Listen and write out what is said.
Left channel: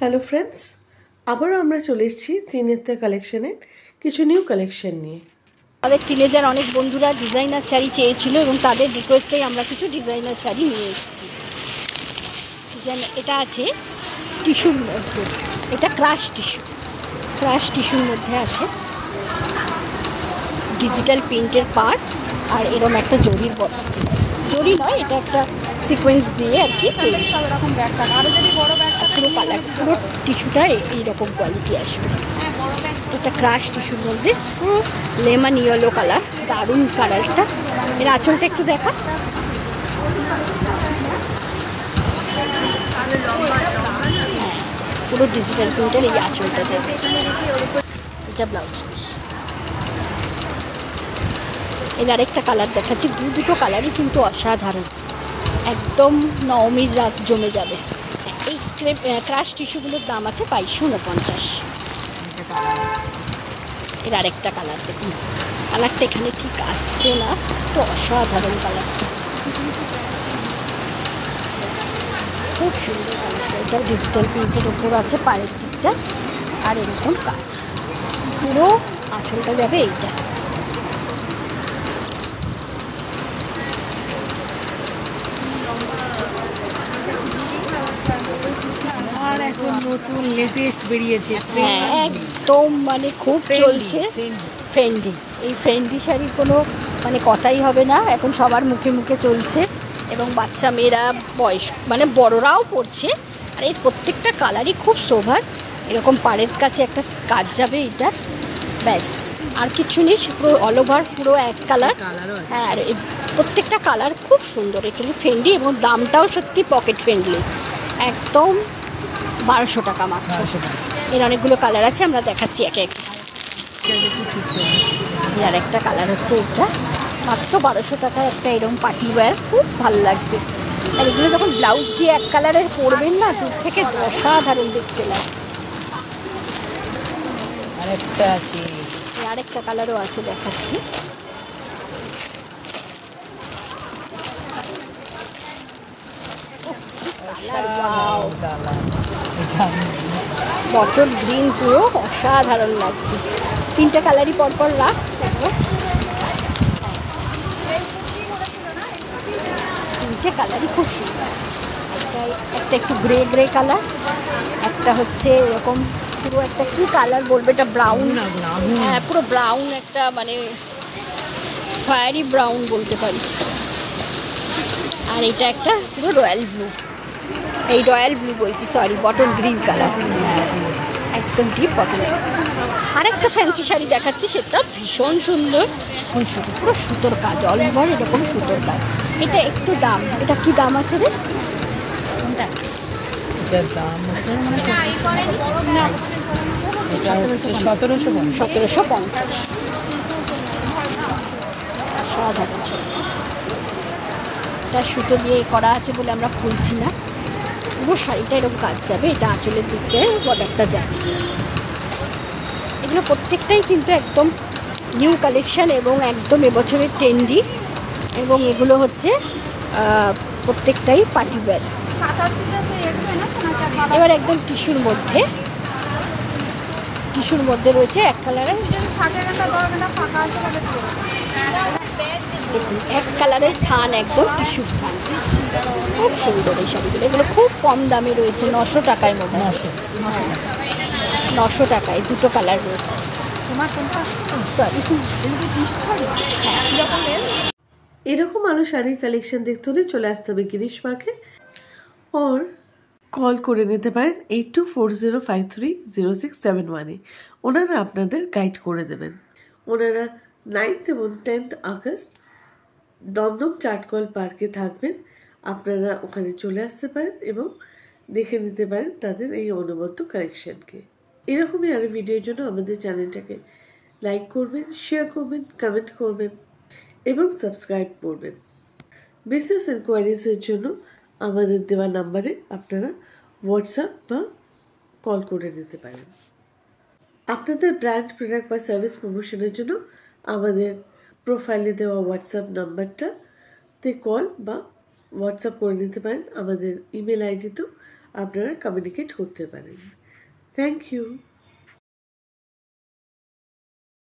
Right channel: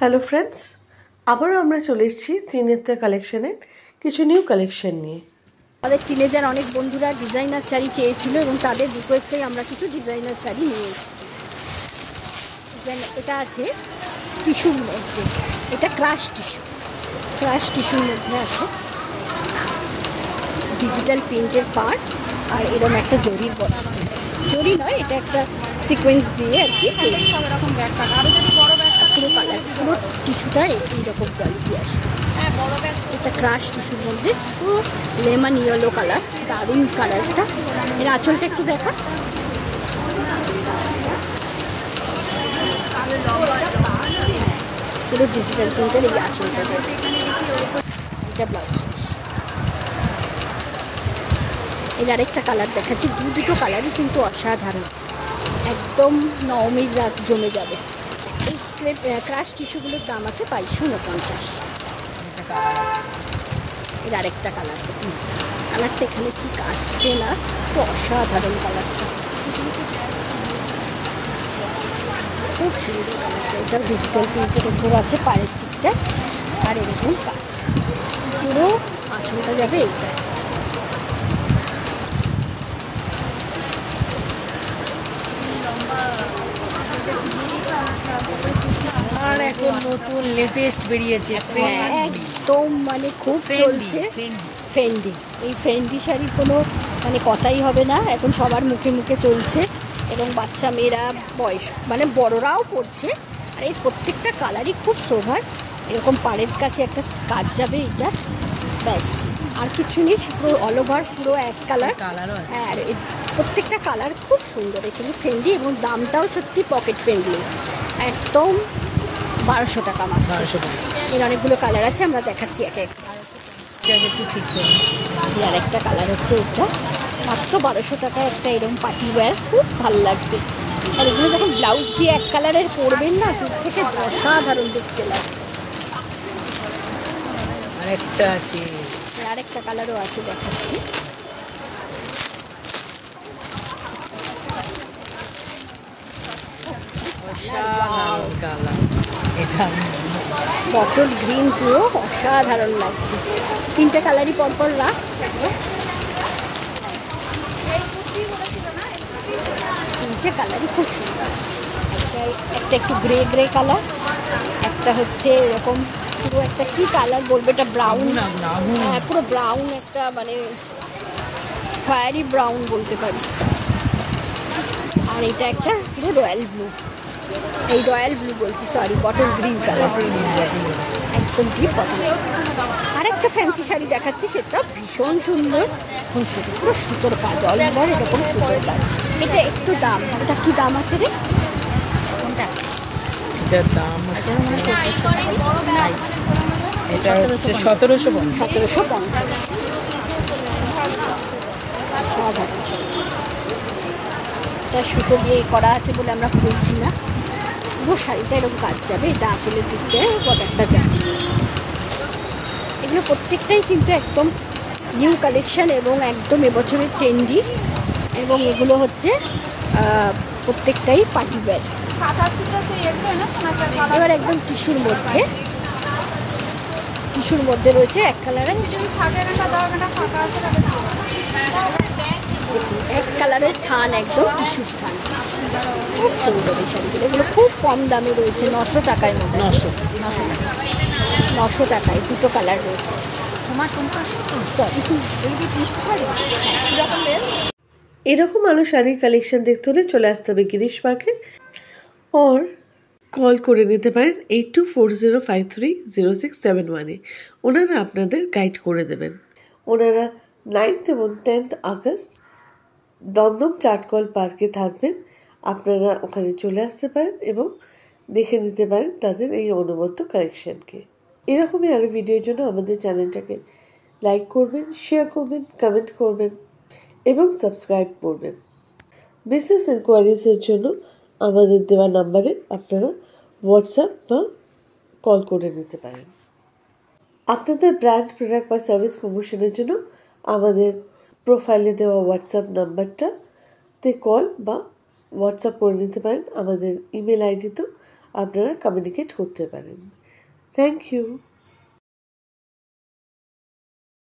Hello friends, আবারও আমরা চলে এসেছি ত্রিনেত্রা কালেকশনের কিছু নিউ কালেকশন নিয়ে। আমাদের টিনেজার অনেক বন্ধুরা ডিজাইনার শাড়ি চেয়েছিল এবং তাদের রিকোয়েস্টেই আমরা কিছু ডিজাইনার শাড়ি নিয়ে এসেছি। এটা আছে টিস্যুর মধ্যে, এটা ক্রাশ টিস্যুর মধ্যে আছে ডিজিটাল প্রিন্টের পার্ট, আর এরকম একটা জরির বস্তু, জরি নয়, এটা একটা সিকোয়েন্স দিয়ে আর কি রকম ব্যাগ কাটা, আরও যদি বড় ব্যাগ পুরো কালার, পুরো টিস্যুটা এইরকম কোয়ালিটি আসবে। এটা ক্রাশ টিস্যুর মধ্যে পুরো লেমন ইয়েলো কালার, দারুণ কালারটা। এর আঁচলটা একটু দেখা, পুরো ডিজিটাল প্রিন্টের এই আঁচলটা যাবে। এটা ব্লাউজ পিস। এর আরেকটা কালার দেখাচ্ছি, দুটো কালারই কিন্তু অসাধারণ, একদম নবমীর রাত জমে যাবে। এই ক্রাশ টিস্যুগুলোর দাম আছে 2249। এর আরেকটা কালার দেখুন, কালারটা এখানে ঠিক আসছে না, তো অসাধারণ কালারটা, খুব সুন্দর। এটা ডিজিটাল প্রিন্টের উপর আছে পায়ের দিকটা, আর এরকম কাজ, পুরো আঁচলটা যাবে এইটা। এখন নতুন লেটেস্ট বেরিয়েছে, একদম মানে খুব চলছে ফ্রেন্ডি। এই ফ্রেন্ডি শাড়ির কোনো মানে কথাই হবে না, এখন সবার মুখে মুখে চলছে, এবং বাচ্চা মেয়েরা বয়স মানে বড়রাও পরছে। আর এই প্রত্যেকটা কালারই খুব সোভার, এরকম পাড়ের কাছে একটা কাজ যাবে এটা, ব্যাস আর কিছু নেই, পুরো অল ওভার পুরো এক কালার। হ্যাঁ, আর প্রত্যেকটা কালার খুব সুন্দর, এখানে ফ্রেন্ডি, এবং দামটাও সত্যি পকেট ফ্রেন্ডলি, একদম 1200 টাকা মাত্র। এর অনেকগুলো কালার আছে, আমরা দেখাচ্ছি একে একে। এর একটা কালার হচ্ছে এটা, মাত্র 1200 টাকা একটা এরকম পার্টি ওয়্যার, খুব ভালো লাগবে। আর এগুলো যখন ব্লাউজ দিয়ে এক কালারের পরবেন না, দূর থেকে অসাধারণ দেখতে লাগে। আরেকটা কালারও আছে, দেখাচ্ছি। বটল গ্রিন, পুরো অসাধারণ লাগছে। তিনটা কালারই পরপর রাখ, দেখো তিনটে কালারই খুব সুন্দর। একটা একটু গ্রে কালার, একটা হচ্ছে এরকম পুরো একটা কি কালার বলবে, এটা ব্রাউন, হ্যাঁ পুরো ব্রাউন, একটা মানে ফায়ারি ব্রাউন বলতে পারি। আর এটা একটা পুরো রয়্যাল ব্লু, এই রয়্যাল ব্লু বলছি, সরি, বটল গ্রিন কালার, একদম ডিপ বটল। আর একটা ফ্যান্সি শাড়ি দেখাচ্ছি, সেটা ভীষণ সুন্দর, পুরো সুতোর কাজ, অল ওভার এরকম সুতোর কাজ। এটা একটু দাম, এটা কি দাম আছে রে? এটা 1750। এটা সুতো দিয়ে করা আছে বলে আমরা খুলছি না, পুরো শাড়িটা এরকম কাজ যাবে। এটা আঁচলের দিকটা বর্ডারটা যাবে। এগুলো প্রত্যেকটাই কিন্তু একদম নিউ কালেকশন এবং একদম এবছরের ট্রেন্ডি, এবং এগুলো হচ্ছে প্রত্যেকটাই পার্টি ওয়্যার। এবার একদম টিস্যুর মধ্যে রয়েছে এক কালারের, দেখুন এক কালারের থান, একদম টিস্যুর থান, খুব সুন্দর এই শাড়িগুলো। এগুলো খুব কম দামে রয়েছে, 900 টাকায় মধ্যে। 900 টাকায় দুটো কালার রয়েছে। এরকম আলো শাড়ির কালেকশন দেখতে হলে চলে আসতে হবে গিরিশ মার্কেট, ওর কল করে নিতে পারেন 8240530671-এ। ওনারা আপনাদের গাইড করে দেবেন। ওনারা 9th এবং 10th আগস্ট দমদম চাটকল পার্কে থাকবেন, আপনারা ওখানে চলে আসতে পারেন এবং দেখে নিতে পারেন তাদের এই অনবদ্য কালেকশনকে। এরকমই আরও ভিডিওর জন্য আমাদের চ্যানেলটাকে লাইক করবেন, শেয়ার করবেন, কমেন্ট করবেন এবং সাবস্ক্রাইব করবেন। বিজনেস এনকোয়ারিজের জন্য আমাদের দেওয়া নাম্বারে আপনারা হোয়াটসঅ্যাপ বা কল করে নিতে পারেন। আপনাদের ব্র্যান্ড, প্রোডাক্ট বা সার্ভিস প্রমোশনের জন্য আমাদের প্রোফাইলে দেওয়া হোয়াটসঅ্যাপ নাম্বারটাতে কল বা হোয়াটসঅ্যাপ করে নিতে পারেন। আমাদের ইমেল আইডিতেও আপনারা কমিউনিকেট করতে পারেন। Thank you.